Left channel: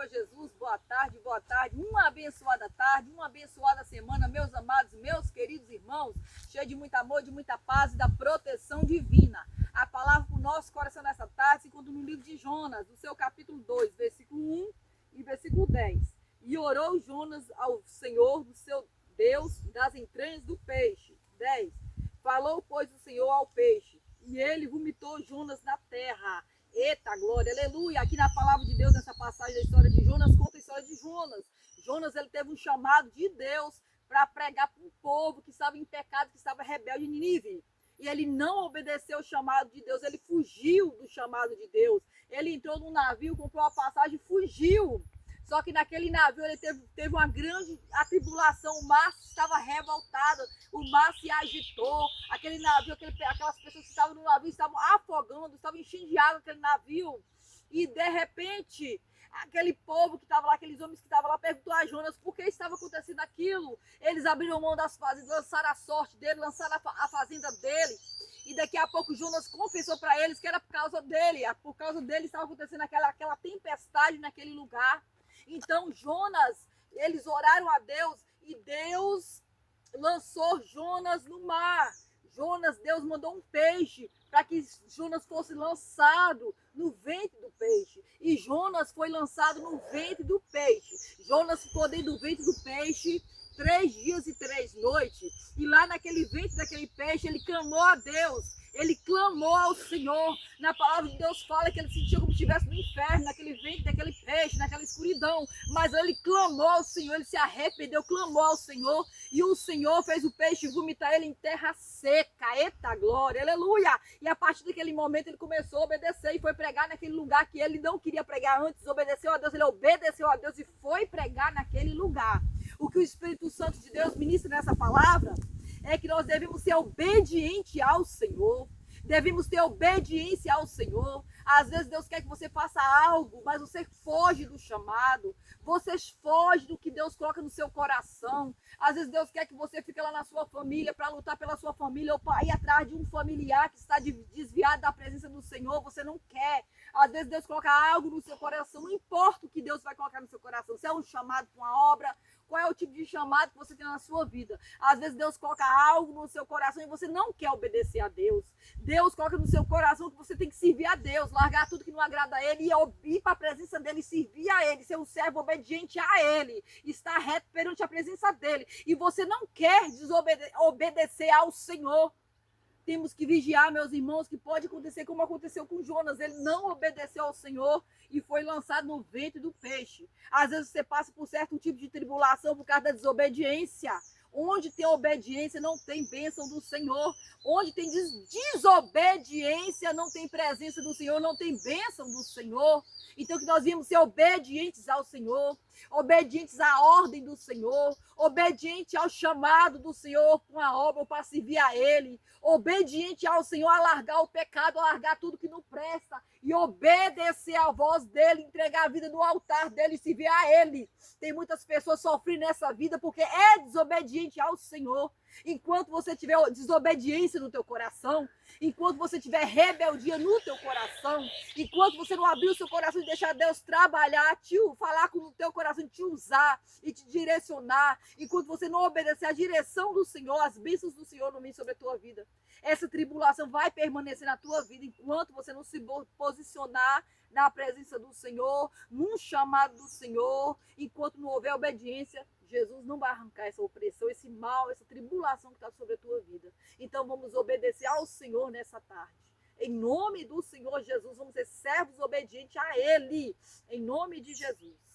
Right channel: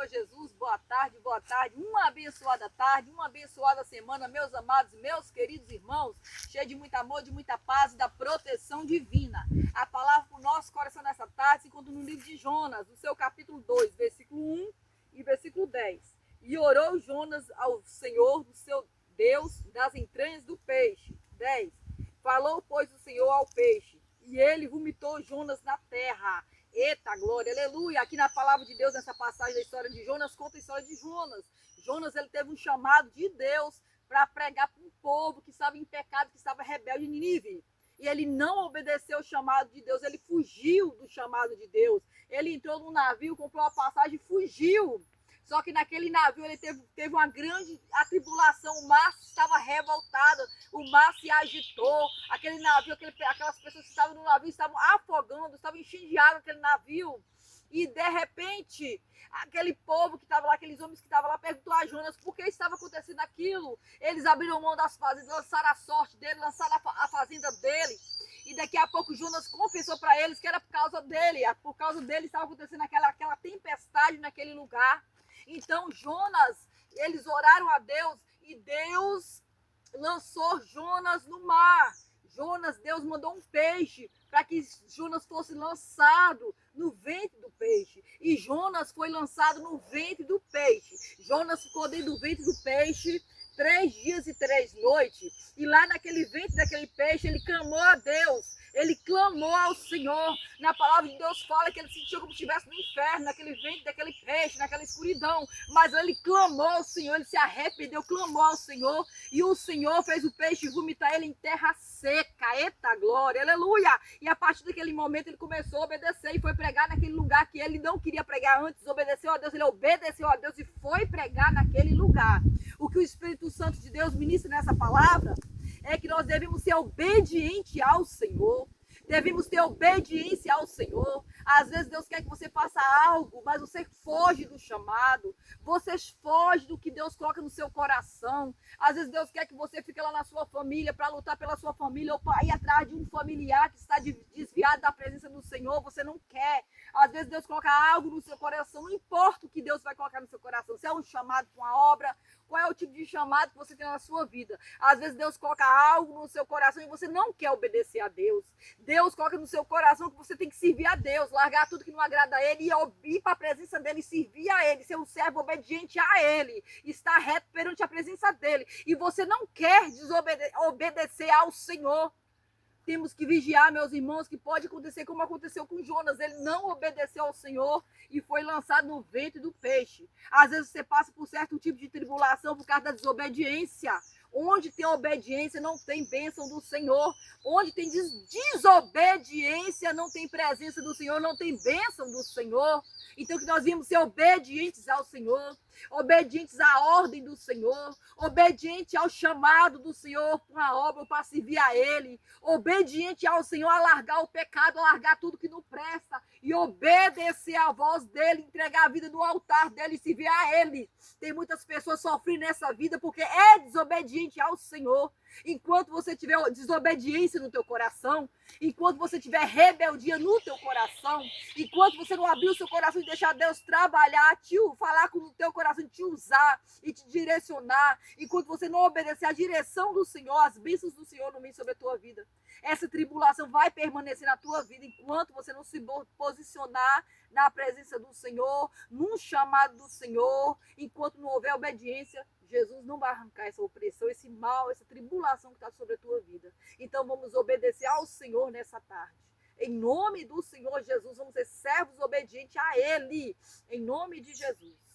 Senhor Jesus, boa tarde, uma abençoada tarde, uma abençoada semana, meus amados, meus queridos irmãos, cheio de muito amor, de muita paz e da proteção divina. A palavra para o nosso coração nessa tarde se encontra no livro de Jonas, no seu capítulo 2, versículo 1 e versículo 10. E orou Jonas ao Senhor, do seu Deus, das entranhas do peixe. 10. Falou, pois, o Senhor ao peixe, e ele vomitou Jonas na terra. Eita glória, aleluia. Aqui na palavra de Deus, nessa passagem da história de Jonas, conta a história de Jonas. Jonas, ele teve um chamado de Deus para pregar para um povo que estava em pecado, que estava rebelde em Nínive. E ele não obedeceu o chamado de Deus, ele fugiu do chamado de Deus. Ele entrou num navio, comprou uma passagem e fugiu. Só que naquele navio ele teve uma grande atribulação, o mar estava revoltado, o mar se agitou, aquele navio, aquelas pessoas que estavam no navio estavam afogando, estavam enchendo de água aquele navio. E de repente, aquele povo que estava lá, aqueles homens que estavam lá, perguntou a Jonas por que estava acontecendo aquilo. Eles abriram mão das fazendas, lançaram a sorte dele, lançaram a fazenda dele. E daqui a pouco Jonas confessou para eles que era por causa dele estava acontecendo aquela tempestade naquele lugar. Então Jonas, eles oraram a Deus e Deus lançou Jonas no mar. Deus mandou um peixe para que Jonas fosse lançado no ventre do peixe. E Jonas foi lançado no ventre do peixe. Jonas ficou dentro do ventre do peixe 3 dias e 3 noites. E lá naquele ventre daquele peixe, ele clamou a Deus. Ele clamou ao Senhor. Na palavra de Deus fala que ele sentiu como se estivesse no inferno, naquele ventre daquele peixe, naquela escuridão. Mas ele clamou ao Senhor, ele se arrependeu, clamou ao Senhor. E o Senhor fez o peixe vomitar ele em terra seca. Eita glória, aleluia! E a partir daquele momento ele começou a obedecer e foi pregar naquele lugar que ele não queria pregar antes. Obedeceu a Deus, ele obedeceu a Deus e foi pregar naquele lugar. O que o Espírito Santo de Deus ministra nessa palavra é que nós devemos ser obedientes ao Senhor. Devemos ter obediência ao Senhor. Às vezes Deus quer que você faça algo, mas você foge do chamado. Você foge do que Deus coloca no seu coração. Às vezes Deus quer que você fique lá na sua família para lutar pela sua família ou para ir atrás de um familiar que está desviado da presença do Senhor. Você não quer. Às vezes Deus coloca algo no seu coração. Não importa o que Deus vai colocar no seu coração. Se é um chamado para uma obra, qual é o tipo de chamado que você tem na sua vida? Às vezes Deus coloca algo no seu coração e você não quer obedecer a Deus. Deus coloca no seu coração que você tem que servir a Deus, largar tudo que não agrada a Ele e ir para a presença dEle, servir a Ele, ser um servo obediente a Ele, estar reto perante a presença dEle. E você não quer obedecer ao Senhor. Temos que vigiar, meus irmãos, que pode acontecer como aconteceu com Jonas. Ele não obedeceu ao Senhor e foi lançado no ventre do peixe. Às vezes você passa por certo tipo de tribulação por causa da desobediência. Onde tem obediência não tem bênção do Senhor. Onde tem desobediência não tem presença do Senhor, não tem bênção do Senhor. Então que nós vimos ser obedientes ao Senhor, obedientes à ordem do Senhor, obediente ao chamado do Senhor para uma obra, para servir a Ele, obediente ao Senhor a largar o pecado, a largar tudo que não presta e obedecer à voz dEle, entregar a vida no altar dEle e servir a Ele. Tem muitas pessoas sofrendo nessa vida porque é desobediente ao Senhor. Enquanto você tiver desobediência no teu coração, enquanto você tiver rebeldia no teu coração, enquanto você não abrir o seu coração e deixar Deus trabalhar, falar com o teu coração, te usar e te direcionar, enquanto você não obedecer à direção do Senhor, as bênçãos do Senhor não vêm sobre a tua vida. Essa tribulação vai permanecer na tua vida enquanto você não se posicionar na presença do Senhor, num chamado do Senhor, enquanto não houver obediência. Jesus não vai arrancar essa opressão, esse mal, essa tribulação que está sobre a tua vida. Então vamos obedecer ao Senhor nessa tarde. Em nome do Senhor Jesus, vamos ser servos obedientes a Ele. Em nome de Jesus.